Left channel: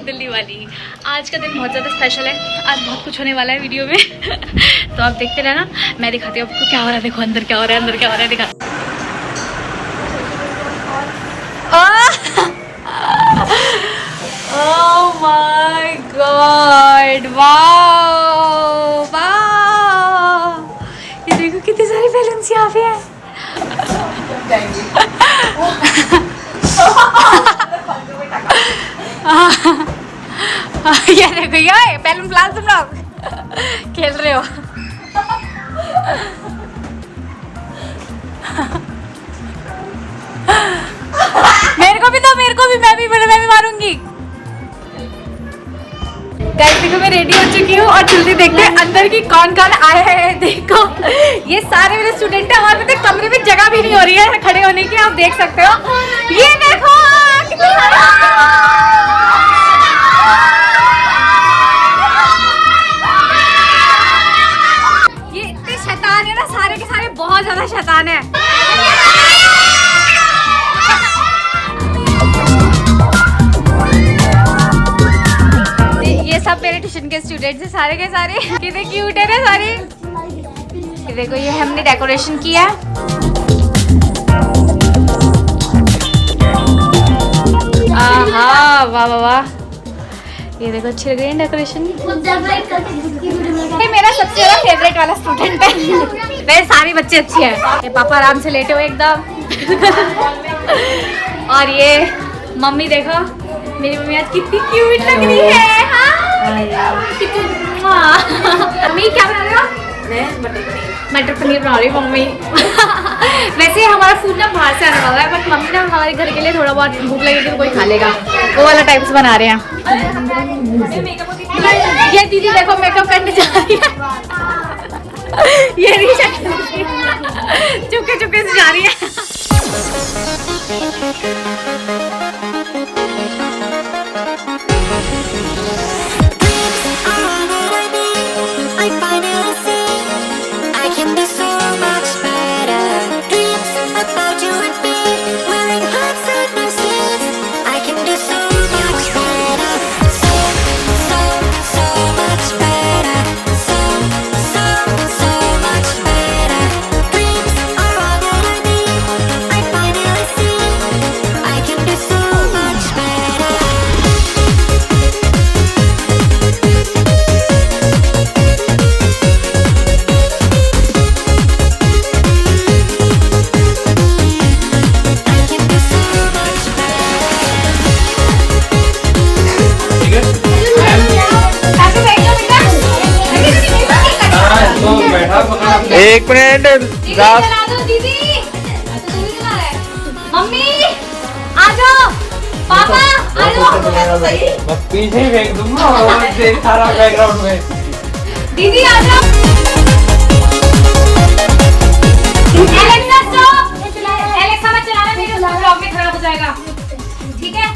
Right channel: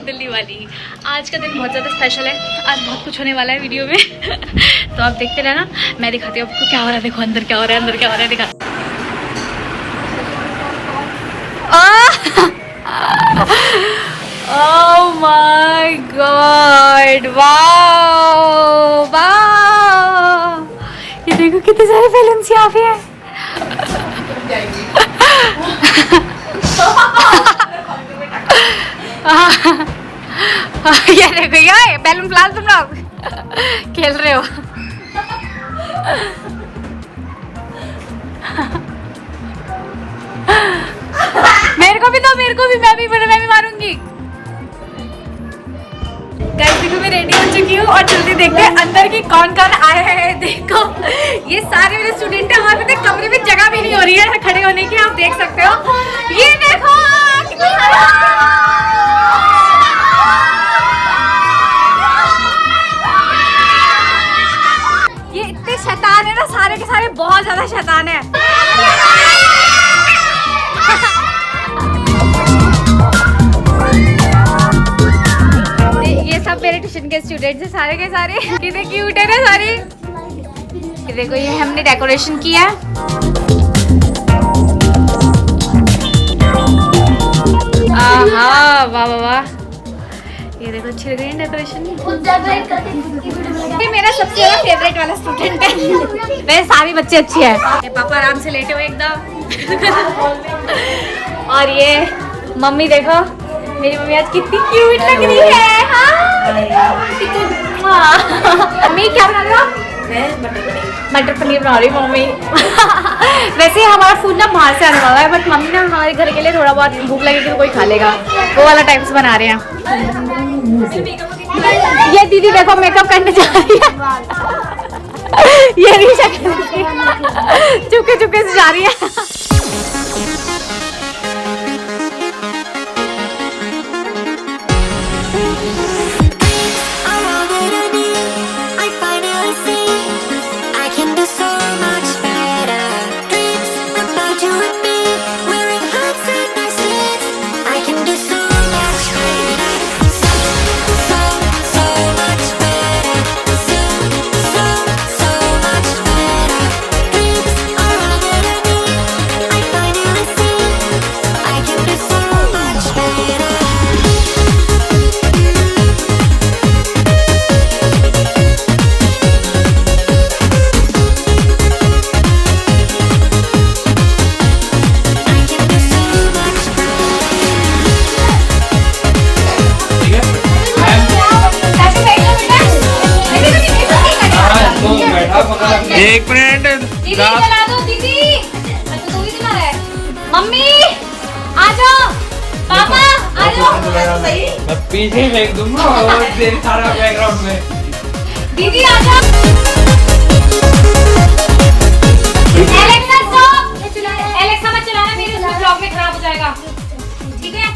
दिल्ली वाली। आज का दिन बहुत ज़्यादा स्पेशल है, आज बहुत कुछ होने वाला है वीडियो में तो आप देखते रहना, मैं दिखाती हूँ आपको क्या हो रहा है। देखो अंदर क्या हो रहा है, अंदर क्या हो रहा है, दिखा। Oh my God, wow wow, ये देखो कितने सारे बैलून्स यहाँ पे हैं। ये देखो ये बैलून प्लास तुम लोग खेल रहे हो। मेरे को भी दो, मेरे को भी, मैं भी मारूंगी। गाइस देखो मैं रेडी हो चुकी हूँ और जल्दी देखते हैं अंदर की कौन कौन आए हैं। देखो ये सारे मेरे स्टूडेंट हैं, हमारे तो कमरे में जगह भी नहीं हो रही है खड़े होने की, आप देख सकते हो। ये देखो कितने सारे, ये इतने शैतान है ना, सारे के सारे बहुत ज्यादा शैतान है। ये सब मेरे ट्यूशन के स्टूडेंट्स हैं सारे के सारे, कितने क्यूट है ना सारे। ये देखो ये हमने डेकोरेशन किया है। आहा वाह वाह वाह, ये देखो अच्छी लग रही है डेकोरेशन। ये मेरा सबसे ज्यादा फेवरेट वाला स्टूडेंट है। वैसे सारे बच्चे अच्छे हैं। ये पापा आराम से लेटे हुए एकदम और ये मम्मी देखो, मेरी मम्मी आज कितनी क्यूट लग रही है। मम्मी क्या बना रहे हो? मैं मटर पनीर बना रही हूँ मम्मी। वैसे हमारा फूड ना बाहर से आने वाला है, बट मम्मी ना हमारे घर के लिए थोड़ा बहुत भूख लगेगी तो कोई खा लेगा, वो वाला टाइप्स बना रहे हैं। ये दीदी देखो मेकअप करने जा रही है। ये भी चुपके चुपके से जा रही है। एक मिनट मम्मी आ जाओ, पापा आ जाओ, पीछे फेंक दूंगा सारा बैकग्राउंड में। दीदी आ जाओ। एलेक्सा मत चलाना, मेरी उसका ब्लॉग में खराब हो जाएगा, ठीक है?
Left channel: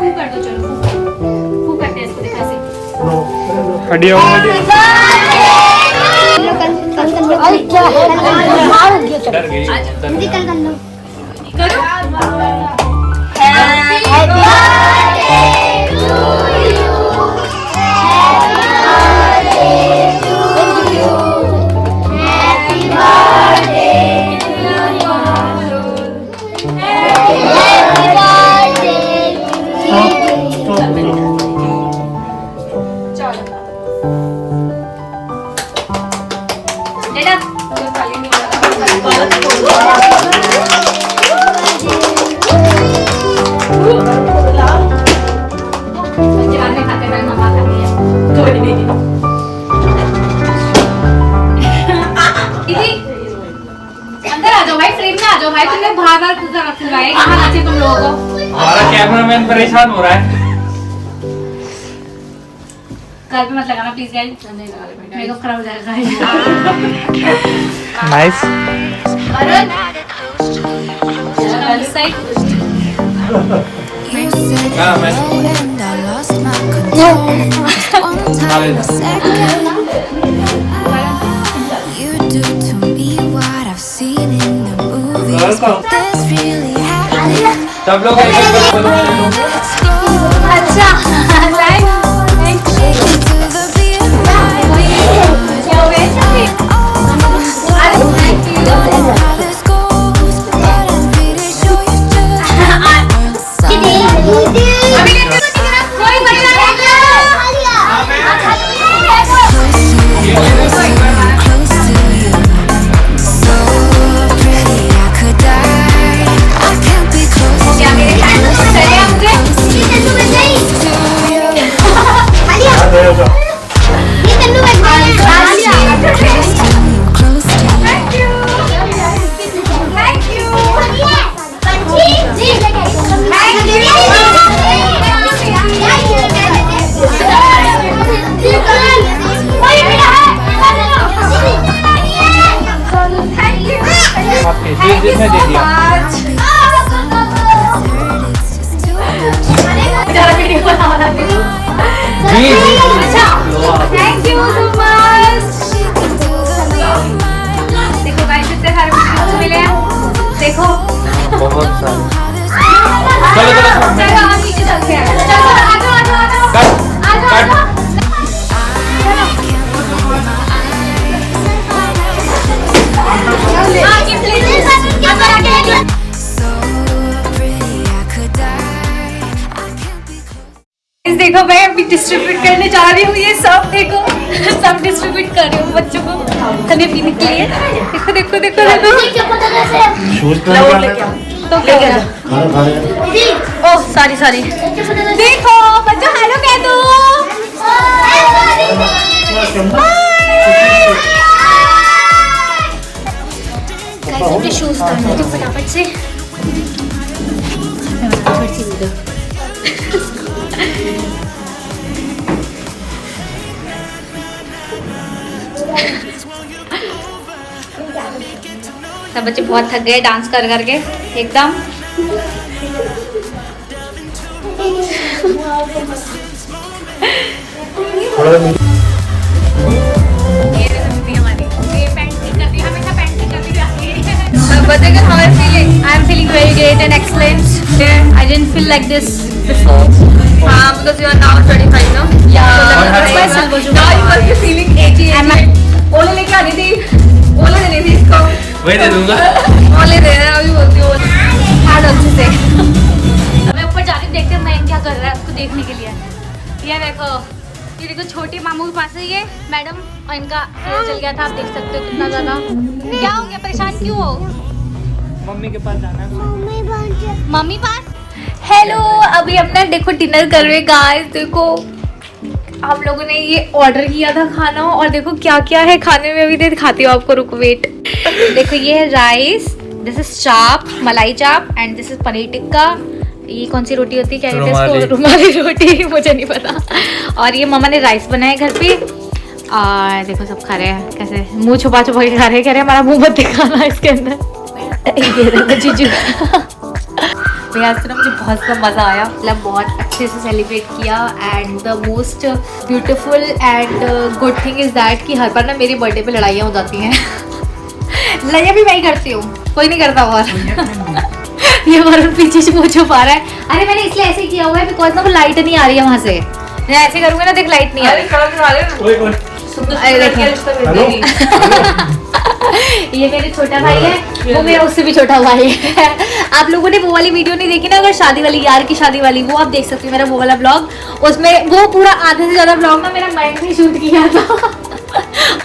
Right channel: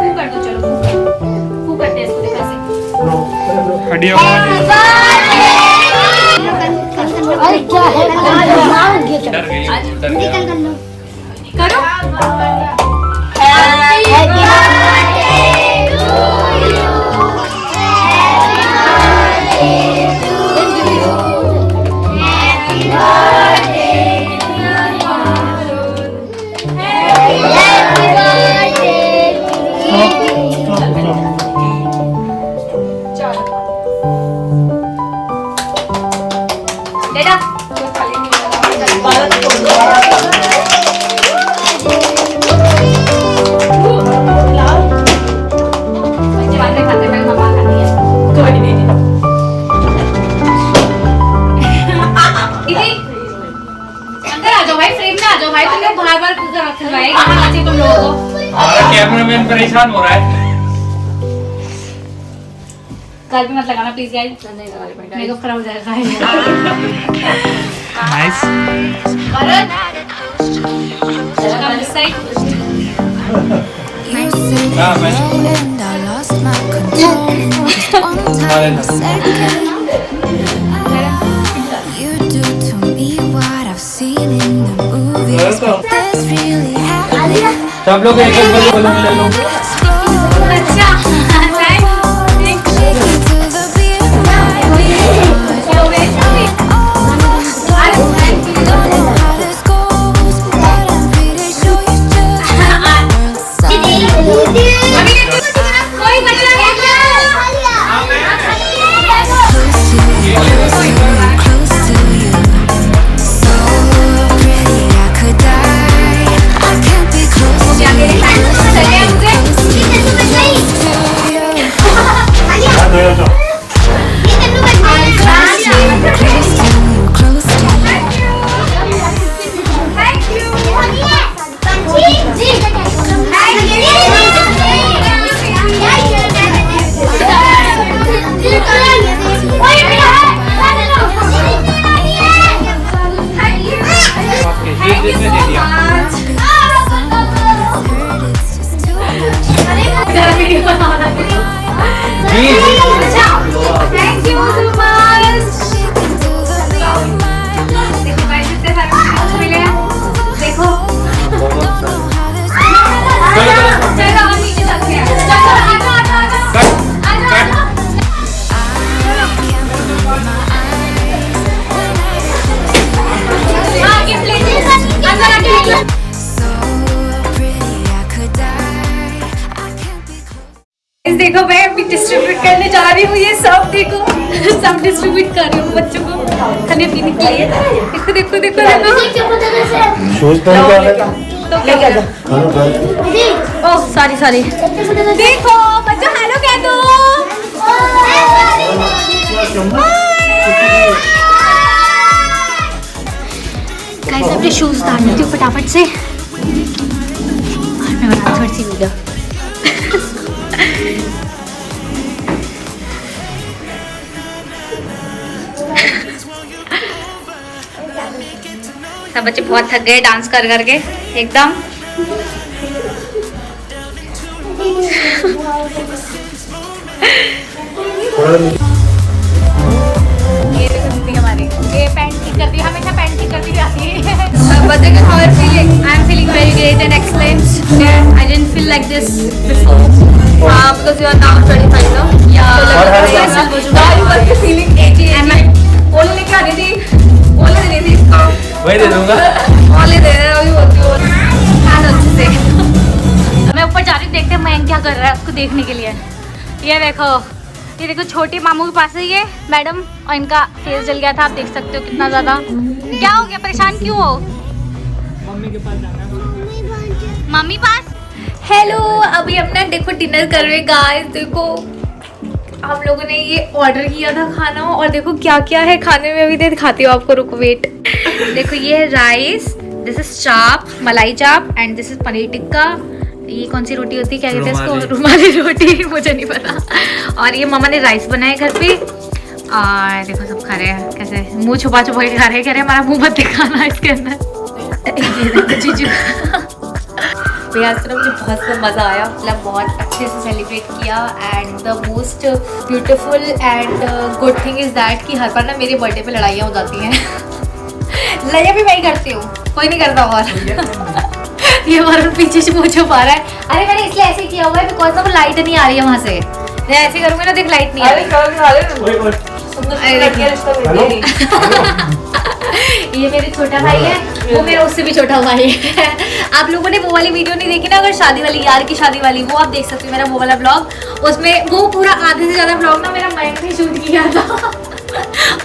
फू कर दो, चलो फू करते हैं इसको, देखा से हड्डियां करो। भाई कहाँ बच्चे तुम लोगों को। हमारा कैमरामैन परेशान हो रहा है। कल भी मत लगाना प्लीज गाइस, मेकअप खराब हो जाएगा। Nice. You said hello and I lost my control in just one tiny second. You do to me what I've seen in the movies, but this really happening. सब लोग अच्छा Shaking to the beat of my beat. Don't know how this goes, but I'm pretty sure you just made my world stop. Close to you, close to you, close to you. So pretty I could die. I can't be close to you, close to you, close to you, close to you. Close to you, close to you. देखो मैं अभी distribute करने जा रही हूँ ये सब, देखो सब डिस्ट्रीब्यूट कर रही हूँ बच्चों को खाने पीने के लिए। देखो देखो देखो देखो ओह सॉरी सॉरी। देखो बच्चों हेलो कह दो। गाइस अपने शूज उतार लेती हूँ फटाफट से। मैं बनाती थोड़ी सी वीडियो। सब बच्चे बहुत थक गए डांस कर करके एकदम। I am feeling very great and excellent. I didn't feel like this before. Because you are now 25, no? Yeah. So that's why silver juice. Now you must be feeling 80. ओले लेके आ रही थी, ओले ले ली इसको। वही दे दूँगा। ओले दे रहे हैं अभी बोलती हूँ। हाँ अच्छे से। मैं ऊपर जा रही हूँ, देखते हैं मैं क्या कर रहा है उसको देखने के लिए। ये देखो छोटी मामू के पास है ये मैडम, और इनका फेस जल गया था, आप देख सकते हो कितना ज्यादा। क्या हो गया, परेशान क्यों हो? मम्मी के पास जाना है। मम्मी पास। हेलो अभी अपना देखो डिनर कर रहे गाइस। देखो आप लोगों ने ये ऑर्डर किया था खाना, और देखो क्या क्या है खाने में, अभी दिखाती हूँ आपको, रुको वेट। देखो ये है राइस, दिस इज चाप, मलाई चाप, and this is paneer tikka. ये कौन सी रोटी होती है, क्या कहते हैं इसको, रुमाली रोटी, मुझे नहीं पता। और ये मम्मा ने राइस बनाया घर पे, और देखो सब खा रहे हैं कैसे, मुंह छुपा छुपा के खा रहे हैं, कह रहे हैं हमारा मुंह मत दिखाना इसके अंदर। जीजू भैया आज ना मुझे बहुत सा मज़ा आया, मतलब बहुत अच्छे से सेलिब्रेट किया। And the most beautiful and good thing is that कि हर बार ना मेरे बर्थडे पे लड़ाइयाँ हो जाती हैं। लड़ाइयाँ भी मैं ही करती हूँ, कोई नहीं करता। और ये वरुण पीछे से मुँह छुपा रहा है। अरे मैंने इसलिए ऐसे किया हुआ है बिकॉज ना वो लाइट नहीं आ रही है वहाँ से। मैं ऐसे करूँगी ना, देख लाइट नहीं आ रही। अरे देखिए ये मेरे छोटा भाई है, वो मेरा उससे भी छोटा भाई है। आप लोगों ने वो वाली वीडियो नहीं देखी ना, अगर शादी वाली, यार की शादी वाली, वो आप देख सकते हो मेरा वो वाला ब्लॉग। उसमें वो पूरा आधे से ज्यादा ब्लॉग ना मेरा मयंक ने शूट किया था।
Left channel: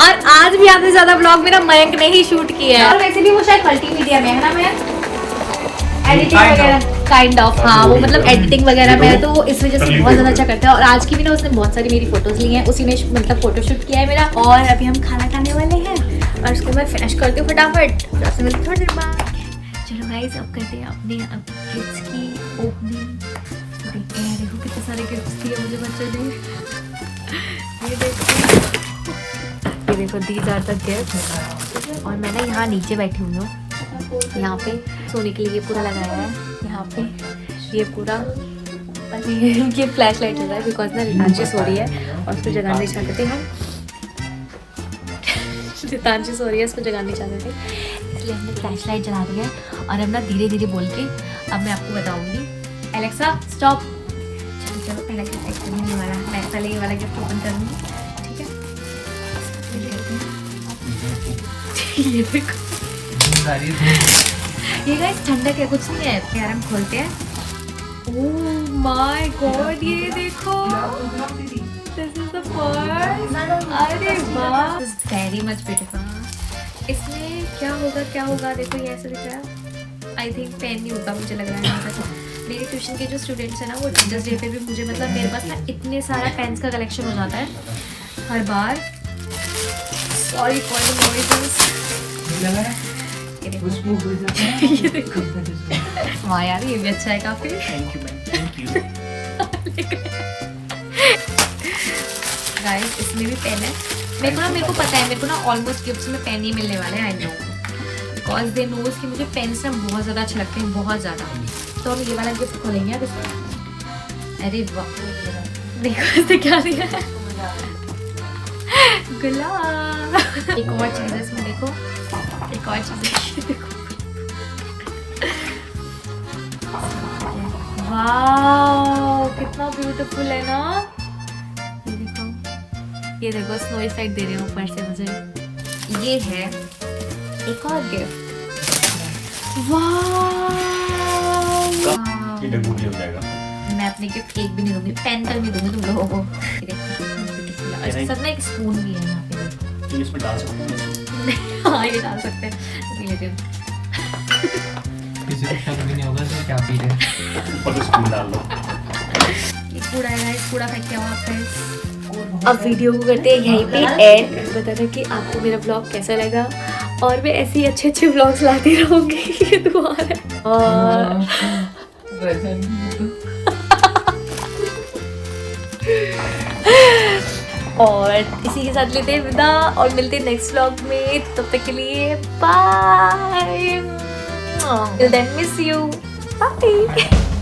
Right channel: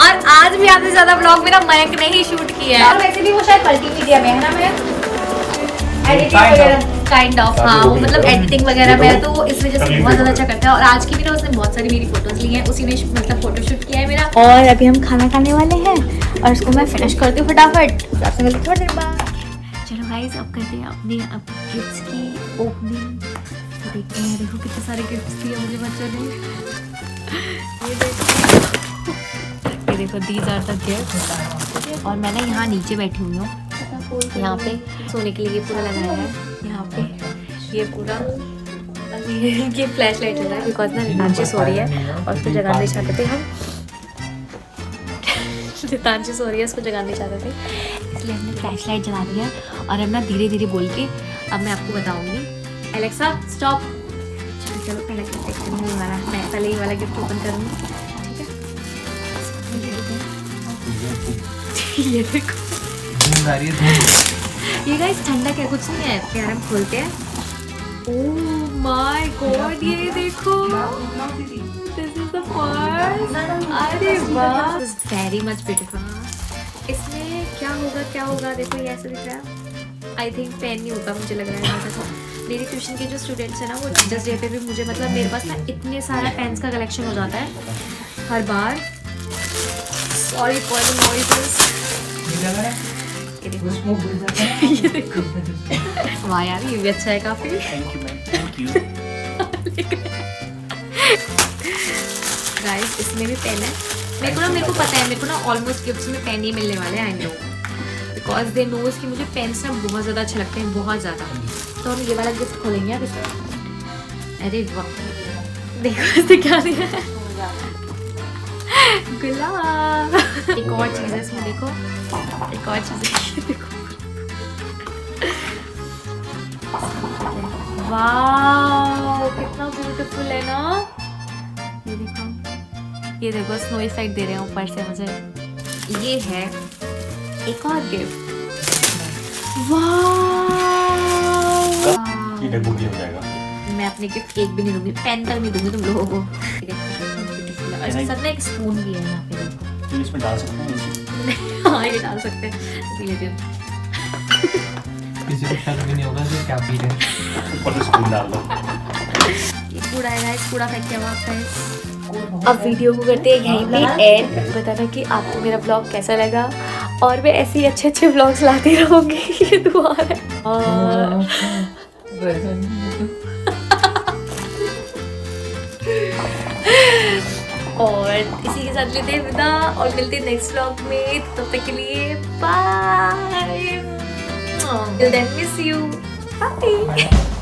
और आज भी आधे से ज्यादा ब्लॉग मेरा मयंक ने ही शूट किया है। और वैसे भी वो शायद मल्टीमीडिया में है ना, मैं एडिटिंग वगैरह काइंड ऑफ, हाँ वो मतलब एडिटिंग वगैरह में, तो इस वजह से बहुत ज़्यादा अच्छा करता है। और आज की भी ना उसने बहुत सारी मेरी फोटोज ली हैं, उसी ने मतलब फोटोशूट किया है मेरा। और अभी हम खाना खाने वाले हैं और इसको मैं फिनिश करती हूँ फटाफट। आपसे मिलती हूँ थोड़ी देर बाद। चलो गाइस अब करते हैं अपने गिफ्ट्स की ओपनिंग। तो देखते हैं, देखो कितने सारे गिफ्ट्स दिए मुझे बच्चों ने। ये देखो दीज आर द गिफ्ट्स। और मैं ना यहाँ नीचे बैठी हुई हूँ, यहाँ पे सोने के लिए ये पूरा लगाया है। यहाँ पे ये पूरा ये फ्लैश लाइट हो रहा है बिकॉज ना रितांशी सो रही है और उसको जगाना नहीं चाहते थे हम। रितांशी सो रही है, उसको जगाना नहीं चाहते थे, इसलिए हमने फ्लैश लाइट जला दी है। और अब ना धीरे धीरे बोल के अब मैं आपको बताऊंगी। Alexa stop. चलो चलो पहला गिफ्ट देखते हैं, ये वाला। मैं पहले ये वाला गिफ्ट ओपन करूँगी, ठीक है। ये देखो, ये गाइस ठंडक है, कुछ नहीं है यार। हम खोलते हैं। ओह माय गॉड, ये देखो, दिस इज द फर्स्ट। अरे वाह, this is very much beautiful. इसमें क्या होगा देखो, ये ऐसे दिख रहा है। आई थिंक पेन नहीं होगा, मुझे लग रहा है यहाँ तक। मेरे ट्यूशन के जो स्टूडेंट्स हैं ना, वो टीचर्स डे पे भी मुझे मतलब मेरे पास ना इतने सारा पेन्स का कलेक्शन हो जाता है हर बार। Sorry for the noises. ये देखो वाह यार, ये भी अच्छा है काफी। गाइस इसमें भी पेन है। मेरे को पता है, मेरे को ना ऑलमोस्ट गिफ्ट्स में पेन ही मिलने वाले हैं। I know because they knows कि मुझे पेन्स ना बहुत ज़्यादा अच्छे लगते हैं, बहुत ज़्यादा। तो हम ये वाला गिफ्ट खोलेंगे अब इसमें। अरे वाह, देखो इसने क्या दिया है, गुलाब। एक और चीज़ है इसमें, देखो एक और चीज़ है, देखो। वाह कितना ब्यूटीफुल है ना। ये देखो स्नो इफेक्ट दे रहे हैं ऊपर से मुझे। ये है एक और गिफ्ट। मैं अपने गिफ्ट केक भी नहीं दूंगी, पेन तक नहीं दूंगी तुम लोगों को। सर में एक स्पून भी है यहाँ पे, तो इसमें डाल सकते हैं। हाँ ये डाल सकते हैं, लेकिन किसी को शक भी नहीं होगा तो क्या पी रहे, ऊपर से स्पून डाल लो। ये कूड़ा है गाइस, कूड़ा फेंक के आओ आप। अब वीडियो को करते हैं यहीं पे एंड। बताना कि आपको मेरा ब्लॉग कैसा लगा, और मैं ऐसे ही अच्छे अच्छे ब्लॉग्स लाती रहूँगी। ये दुआ है। और इसी के साथ लेते हैं विदा और मिलते हैं नेक्स्ट व्लॉग में। तब तक के लिए bye. Till then, miss you. Bye.